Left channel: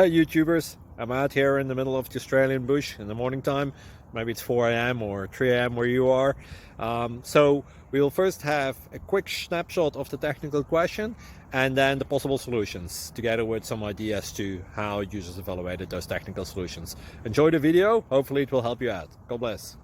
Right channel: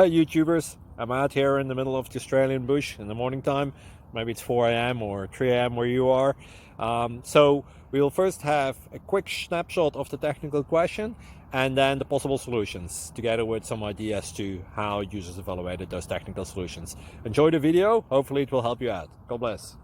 Hey YouTubers, I'm out here in the middle of the Australian bush in the morning time. Maybe it's 4 a.m. or 3 a.m. where you are. So we'll first have a quick snapshot of the technical question and then the possible solutions, together with some ideas to how users evaluated those technical solutions. Enjoy the video, hopefully it will help you out. God bless.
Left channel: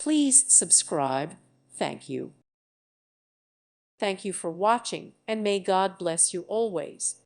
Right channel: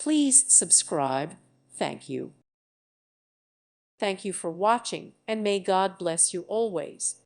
Please subscribe. Thank you. Thank you for watching, and may God bless you always.